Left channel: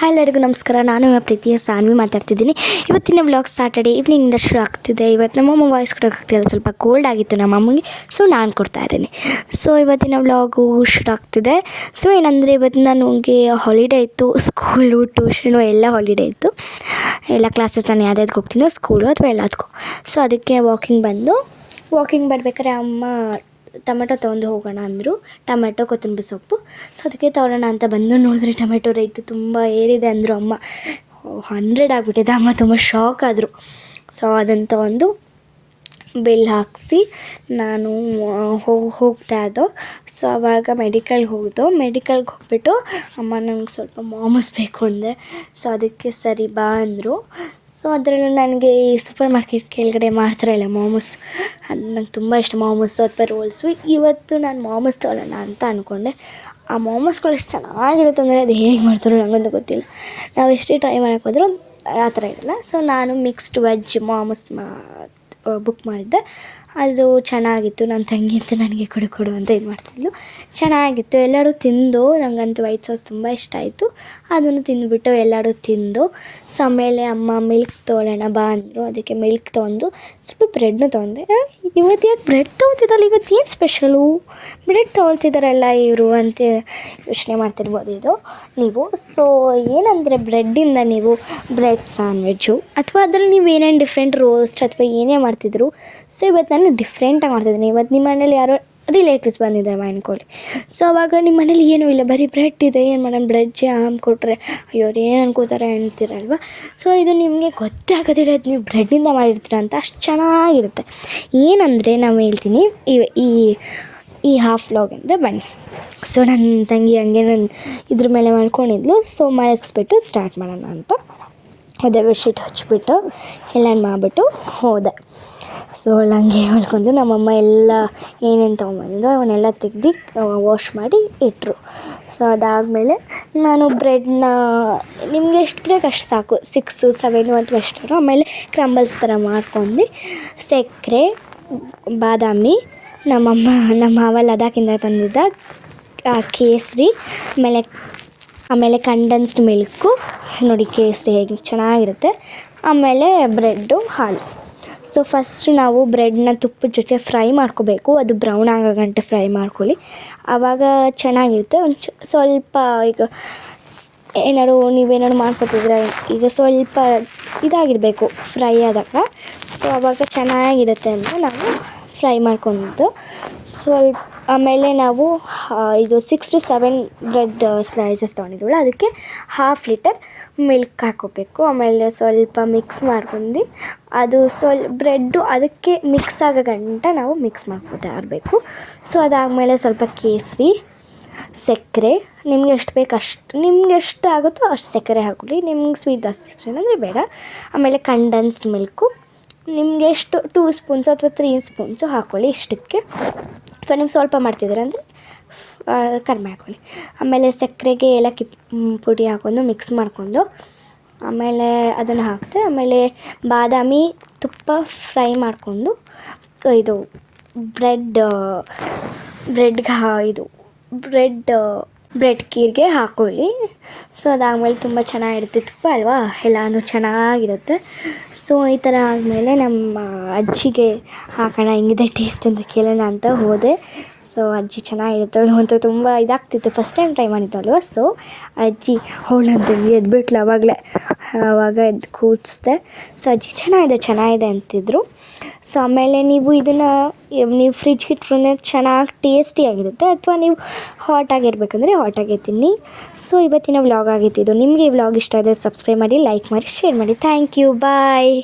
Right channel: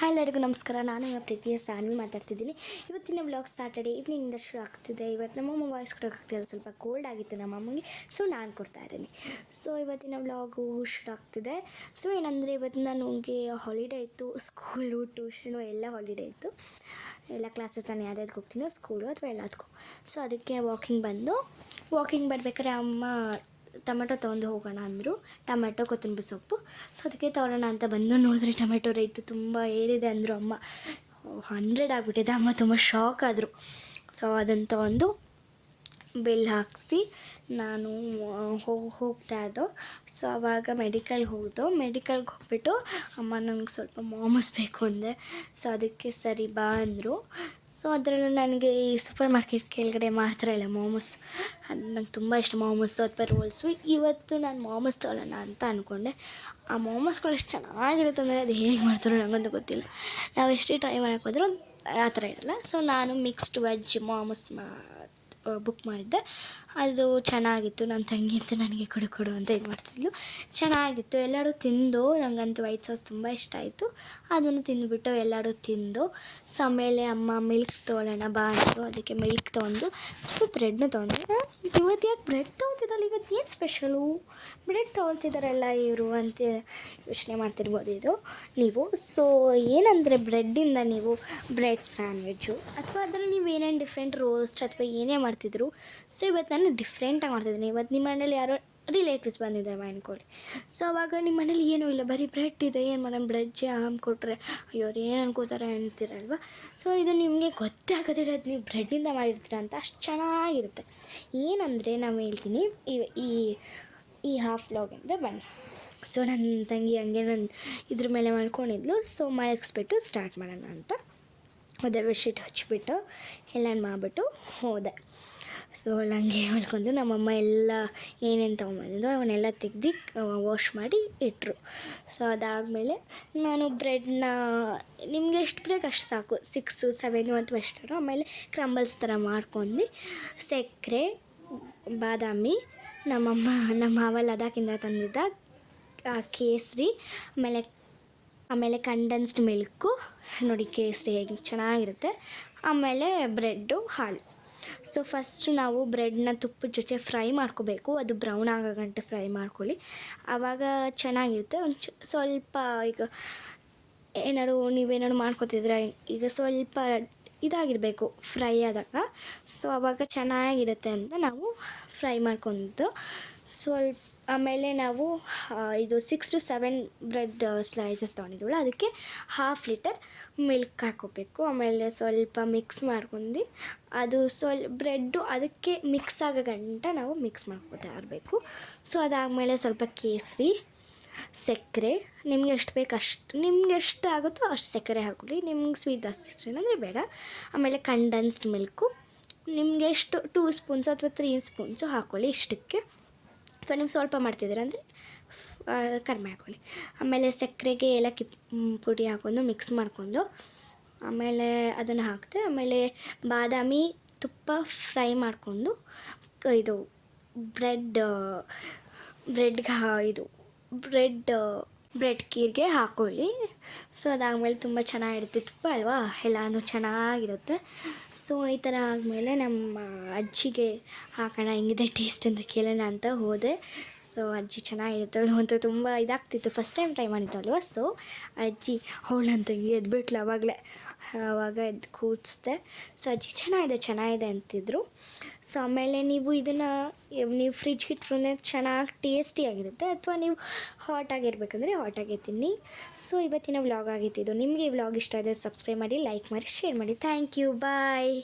Hi ಎಲ್ಲರಿಗೂ ನಮಸ್ಕಾರ. ನಾನು ಪ್ರೀತಿಯ ಸಾನ್ವಿ ಮಾತಾಡ್ತಿದ್ದೀನಿ. ಇವತ್ತಿನ ವ್ಲಾಗ್ ಸಾಟರ್ಡೆ ಈವ್ನಿಂಗಿಂದ ಶುರು ಆಗ್ತಿದೆ. ಇವತ್ತು ನಮ್ಮಮ್ಮ ವಾಯ್ಸ್ ಕೊಡೋಕ್ಕಾಗ್ತಿಲ್ಲ, ಸ್ವಲ್ಪ ಕೋಲ್ಡ್ ಆಗಿತ್ತು ನಮ್ಮಮ್ಮಗೆ, ಸೊ ನಾನು ಕೊಡ್ತಾ ಇದ್ದೀನಿ. ಸೊ ಇವತ್ತಿನ ವ್ಲಾಗು ಶುರು ಆಗ್ತಿದೆ. ಸೊ ಏನಂದರೆ ಇವತ್ತು ನನಗೆ ಹಾಲಿಡೇ ಇತ್ತು, ಸ್ಕೂಲು ಟ್ಯೂಷನು ಎಲ್ಲ ಹಾಲಿಡೇ ಇತ್ತು. ಎಲ್ಲ ಕ್ಲಾಸಸ್ ನಾನು ಯಾವ್ದಾವ್ದು ಹೋಗ್ತೀನೋ ಸ್ಕೂಲು ಅಥವಾ ಎಲ್ಲದಕ್ಕೂ. ಸೊ ಅದಕ್ಕೆ ವಾಕಿಂಗ್ ಬರಬೇಕಾದ್ರೆ ಅಮ್ಮ ಟೊಮೆಟೊ ತೊಗೊಂಡು ಹೋಗೋಣ ಅಂದರು. ಟೊಮೆಟೊ ಕೊತ್ತಂಬರಿ ಸೊಪ್ಪು. ಸೊ ಅದಕ್ಕೆ ತೊಗೊಳ್ಳೋಣ ಅಂತ ಬಂದು ನೋಡಿದ್ರೆ ಟೊಮೆಟೊ ರೇಟು ತುಂಬ ಏರಿದೆ ಅಂದರು ಅಮ್ಮ. 100 ಆಗಿಬಿಟ್ಟಿದೆ. ಅಮ್ಮ ತುಂಬ ಶಾಕ್ ಆದರು. ಸೊ ಅದನ್ನು ತೊಗೊಂಡು ಬಿಲ್ ಹಾಕಿಸಿ ನಾನು ಹೋಗ್ತಾ ಇದ್ದೋ. ಸೊ ಆವಾಗ ಮೆಡಿಕಲ್ಗೆ ಹೋಗ್ಬಿಟ್ಟು ಅಮ್ಮ ನಂಗೆ ಸ್ವಲ್ಪ ಮಾಮೂಸ್ ಬೇಕು ಅಂದೆ. ಸೊ ಅದಕ್ಕೆ ಸರಿ ಬಾ ಅಂದರು. ಸೊ ಅದರಲ್ಲೂ ನನಗೆ ಈ ಸೂಪರ್ ಮಾರ್ಕೆಟ್ ಕೆಳಗಡೆ ಮಾಡ್ತಾರಲ್ಲ ಮೋಮೋಸ್, ಅದು ನಂಗೆ ತುಂಬ ಇಷ್ಟ. ಮೋಮೋಸು ಅಥವಾ ರೋಲ್ಸು. ಇವತ್ತು ನಾನು ಮೋಮೋಸ್ ತೊಗೊಳ್ಳೋಣ ಅಂತ ಅಂದ್ಕೊಂಡೆ. ಆ ಮೋಮೋಸ್ಗಳು ಎಷ್ಟು ಚೆನ್ನಾಗಿರುತ್ತೆ ಅಂದರೆ ಅದು ಹೇಗೆ ಮಾಡ್ತಾರೋ ನನಗಂತೂ ಗೊತ್ತಿಲ್ಲ. ನಾವು ಎಷ್ಟೇ ಟ್ರೈ ಮಾಡೋಕ್ಕೆ ಹೋದರೂ ಆ ಥರ ಇರಲ್ಲ. ಸೊ ನಾನು ಮಿಕ್ಸ್ಡ್ ವೆಜ್ ಮೋಮೋಸ್ ಬುಕ್ ಮಾಡಿದ್ದೆ. ಅದು ಚೆನ್ನಾಗಿತ್ತು. ನನ್ನ ತಂಗಿ ಅಂತ ನನಗೆ ಕೊಡು ಅಂತ ಇದು ಮಾಡ್ತಿದ್ಲು. ಚೆನ್ನಾಗಿತ್ತು. ಎಲ್ಲರೂ ತಿಂದು, ನನಗಂತೂ ವೈಟ್ ಸಾಸ್ ತುಂಬ ಇಷ್ಟ ಆಯಿತು. ಅದನ್ನು ತಿಂದುಬಿಟ್ಟು ಎಲ್ಲರೂ ತಿಂದು. ಸೊ ಆಮೇಲೆ ಅಮ್ಮ ಮಿಲ್ಕ್ ತೊಗೊಳ್ಳೋಣ ಬಾ ಅಂದರು. ಅದಕ್ಕೆ ಮಿಲ್ಕ್ ತೊಗೊಂಡು ಸ್ವಲ್ಪ ಬ್ರೆಡ್ನು ತೊಗೊಂಡೆ. ಇವತ್ತು ಯಾಕೆ ಬ್ರೆಡ್ ತೊಗೊತಿದ್ದಲ್ಲ, ಇವತ್ತು ಏನು ಸ್ಪೆಷಲು, ಬ್ರೆಡ್ ತೊಗೊಳ್ತಿದ್ದಾರಲ್ಲ ಇವರು ಅಂತ ಯೋಚನೆ ಮಾಡ್ತಿರ್ಬೋದು ನೀವು. ಸೊ ಏನಂದರೆ ಬ್ರೆಡ್ಡಿಂದ ನೀವು ಬ್ರೆಡ್ ಸ್ಯಾಂಡ್ವಿಚ್ಚು ಅಥವಾ ಅದರಲ್ಲಿ ನೀವು ಏನೇನು ಡಿಫ್ರೆಂಟ್ ರೋಸ್ಟ್ ಅಥವಾ ಏನೇ ಮಾಡ್ತಿದ್ರು. ಸೊ ಇವತ್ತು ನಾನು ಡಿಫ್ರೆಂಟಾಗಿ ಮಾಡ್ತಿದ್ದೀನಿ. ಇವತ್ತು ನಿಮ್ಮ ಮನೇಲಿ ಯಾರೋ ರಿಲೇಟಿವ್ಸ್ ಬಂದಿದ್ದಾರೆ ಅನ್ಕೊಳ್ಳಿ. ಸೊ ಅವಾಗ ನಿಮ್ಮ ಮನೇಲಿ ಏನೂ ಇಲ್ಲ, ಬರೀ ಬ್ರೆಡ್ ಇದೆ, ಏನು ಮಾಡೋಣ, ಬ್ರೆಡ್ ಜಾಮ್ ಕೊಟ್ಟರೆ ಅಯ್ಯೋ ಏನು ಅನ್ಕೋತಾರೆ ಅಂತೀರಲ್ವ. ಸೊ ಇದು ನಿಮಗೆ ಗೊತ್ತೇ ಆಗೋದಿಲ್ಲ, ಅದು ನೀವು ಬ್ರೆಡ್ಡಿಂದ ಮಾಡಿರ್ತೀರ ಅಂತ. ಅಷ್ಟು ಚೆನ್ನಾಗಿರುತ್ತೆ. ಏನಂದರೆ ನಾವು ಹೇಳ್ತೀನಿ ಈ ಹಾಫ್ ವ್ಲಾಗಿಂದ ಬನ್ನಿ. ಸೊ ನನ್ನ ತಂಗಿ ಹಂಗೆ ನಾನು ಇದ್ರ ಮೇಲೆ ಮಾಡ್ಕೊಂಡಿದ್ಲು. ಸೊ ಮಲಗಿಸ್ಬಿಟ್ಟು ಸ್ಟಾರ್ಟ್ ಮಾಡೋಣ ಅಂತ ಅದೇ ಬೆಡ್ಶೀಟ್ ಹಚ್ಬಿಟ್ಟು ಎಲ್ಲ ಮಾಡಿಬಿಟ್ಟು ಹೋದೆ. ಸೊ ಹಂಗೆ ಮಲ್ಕೊಂಡು ನಮ್ಮಮ್ಮ ಎಲ್ಲ ಏನೇನು ತೊಗೊಂಬಂದಿದ್ದೋ ಅವನ್ನೆಲ್ಲ ತೆಗ್ದು ವಾಶ್ ಮಾಡಿ ಇಟ್ಟರು. ಸೊ ಅದಾದಮೇಲೆ ನಾನು ಬ್ರೆಡ್ನ ನಿಮಗೆ ಎಷ್ಟು ಬೇಕು ಅಷ್ಟು ಸಾಕು, 6, 7 ಅಥವಾ ಎಷ್ಟಾರು. ಆಮೇಲೆ ಕ್ರಂಬಲ್ಸ್ ಥರ ಮಾಡ್ಕೊಂಡು ಸಕ್ಕರೆ, ಬಾದಾಮಿ, ನಮ್ಮ ಮಾವ ಲದಾಖಿಂದ ತಂದಿದ್ದ ಕೇಸರಿ, ಆಮೇಲೆ ಕಂಡೆನ್ಸ್ಡ್ ಮಿಲ್ಕು ನೋಡಿ, ಕೇಸರಿ ಹೇಗೆ ಚೆನ್ನಾಗಿರುತ್ತೆ. ಆಮೇಲೆ ಬ್ರೆಡ್ಡು, ಹಾಲು. ಸೊ ಫಸ್ಟ್ ನಾವು ಬ್ರೆಡ್ನ ತುಪ್ಪದ ಜೊತೆ ಫ್ರೈ ಮಾಡ್ಕೋಬೇಕು. ಅದು ಬ್ರೌನ್ ಆಗೋ ಗಂಟೆ ಫ್ರೈ ಮಾಡ್ಕೊಳ್ಳಿ, ಆವಾಗ ಚೆನ್ನಾಗಿರುತ್ತೆ. ಸ್ವಲ್ಪ ಈಗ ನೀವೇನಾದ್ರು ಮಾಡ್ಕೊತಿದ್ರೆ ಈಗ ಸ್ವಲ್ಪ ಇದಾಗಿರಬೇಕು ಫ್ರೈ ಆದಾಗ. ಸೊ ಆವಾಗ ಚೆನ್ನಾಗಿರುತ್ತೆ ಅಂತ ನಾವು ಫ್ರೈ ಮಾಡ್ಕೊಂಡು ಆಮೇಲೆ ನಾವು ಇದು 6 to 7 ಬ್ರೆಡ್ ಸ್ಲೈಸಸ್ ತೊಗೊಂಡಿದ್ವಲ್ಲ, ಅದಕ್ಕೆ 1/2 ಲೀಟರ್ ಮಿಲ್ಕ್ ಹಾಕ್ಕೋಬೇಕು. ಆಮೇಲೆ ಸ್ವಲ್ಪ ಮಿಕ್ಸ್ ಮಾಡ್ಕೊಂಡು ಅದು ಬ್ರೆಡ್ಡು ಅದಕ್ಕೆ ಮಿಕ್ಸ್ ಆಗೋ ಗಂಟ ನಾವು ಮಿಕ್ಸ್ ಮಾಡ್ಕೊತಾ ಇರಬೇಕು. ಸೊ ಅದಾದಮೇಲೆ ಸ್ವಲ್ಪ ಕೇಸರಿ, ಸಕ್ಕರೆ, ನಿಮ್ಗೆ ಎಷ್ಟು ಬೇಕು ಅಷ್ಟು, ನಿಮ್ಗೆ ಎಷ್ಟು ಆಗುತ್ತೋ ಅಷ್ಟು ಸಕ್ಕರೆ ಹಾಕೊಳ್ಳಿ. ನಿಮ್ಗೆ ಸ್ವೀಟ್ ಜಾಸ್ತಿ ಇಷ್ಟ ಅಂದರೆ ಬೇಡ. ಆಮೇಲೆ ಕಂಡೆನ್ಸ್ಡ್ ಮಿಲ್ಕು ನಿಮಗೆ ಎಷ್ಟು 2 ಸ್ಪೂನ್ಸು ಅಥವಾ 3 ಸ್ಪೂನ್ಸು ಹಾಕ್ಕೊಳ್ಳಿ ಇಷ್ಟಕ್ಕೆ. ಅಥವಾ ನೀವು ಸ್ವಲ್ಪ ಮಾಡ್ತಿದ್ದೀರ ಅಂದರೆ ಕಡಿಮೆ ಹಾಕ್ಕೊಳ್ಳಿ. ಆಮೇಲೆ ಸಕ್ಕರೆಗೆ ಏಲಕ್ಕಿ ಪುಡಿ ಹಾಕ್ಕೊಂಡು ಮಿಕ್ಸ್ ಮಾಡಿಕೊಂಡು ಆಮೇಲೆ ಅದನ್ನು ಹಾಕಿದೆ. ಆಮೇಲೆ ಬಾದಾಮಿ ತುಪ್ಪ ಫ್ರೈ ಮಾಡಿಕೊಂಡು ಇದು ಬ್ರೆಡ್ ಕೀರ್ಗೆ ಹಾಕ್ಕೊಳ್ಳಿ. ಸೊ ಅದಾದಮೇಲೆ ತುಂಬ ಚೆನ್ನಾಗಿರುತ್ತೆ, ತುಪ್ಪ ಅಲ್ವಾ, ಎಲ್ಲನೂ ಚೆನ್ನಾಗಿರುತ್ತೆ. ಸೊ ಈ ಥರ ಆದಮೇಲೆ ನಮ್ಮ ಅಜ್ಜಿಗೆ ಹಾಕೋಣ ಹೆಂಗಿದೆ ಟೇಸ್ಟ್ ಅಂತ ಕೇಳೋಣ ಅಂತ ಹೋದೆ. ಸೊ ಅಜ್ಜಿ ಚೆನ್ನಾಗಿರುತ್ತೆ, ಅವಳು ಅಂತೂ ತುಂಬ ಇದಾಗ್ತಿತ್ತು, ಫಸ್ಟ್ ಟೈಮ್ ಟ್ರೈ ಮಾಡಿದ್ದಲ್ವ. ಸೊ ಅಜ್ಜಿ ಅವಳಂತಂದು ಎದ್ಬಿಟ್ಲು ಆವಾಗ ಎದ್ದು ಕೂಡಿಸ್ದೆ. ಸೊ ಅಜ್ಜಿ ಚೆನ್ನಾಗಿದೆ ಅಂತಿದ್ರು. ಸೊ ಆಮೇಲೆ ನೀವು ಇದನ್ನು ಫ್ರಿಜ್ಗೆ ಇಟ್ರೆ ಚೆನ್ನಾಗಿ ಟೇಸ್ಟಿಯಾಗಿರುತ್ತೆ, ಅಥವಾ ನೀವು ಹಾಟಾಗಿರ್ಬೇಕಂದ್ರೆ ಹಾಟಾಗಿ ತಿನ್ನಿ. ಸೊ ಇವತ್ತಿನ ವ್ಲಾಗ್ ಆಗಿತ್ತು ಇದು. ನಿಮಗೆ ಈ ವ್ಲಾಗ್ ಇಷ್ಟ ಆದರೆ ಸಬ್ಸ್ಕ್ರೈಬ್ ಮಾಡಿ, ಲೈಕ್ ಮಾಡಿ, ಶೇರ್ ಮಾಡಿ. Thank you, bye.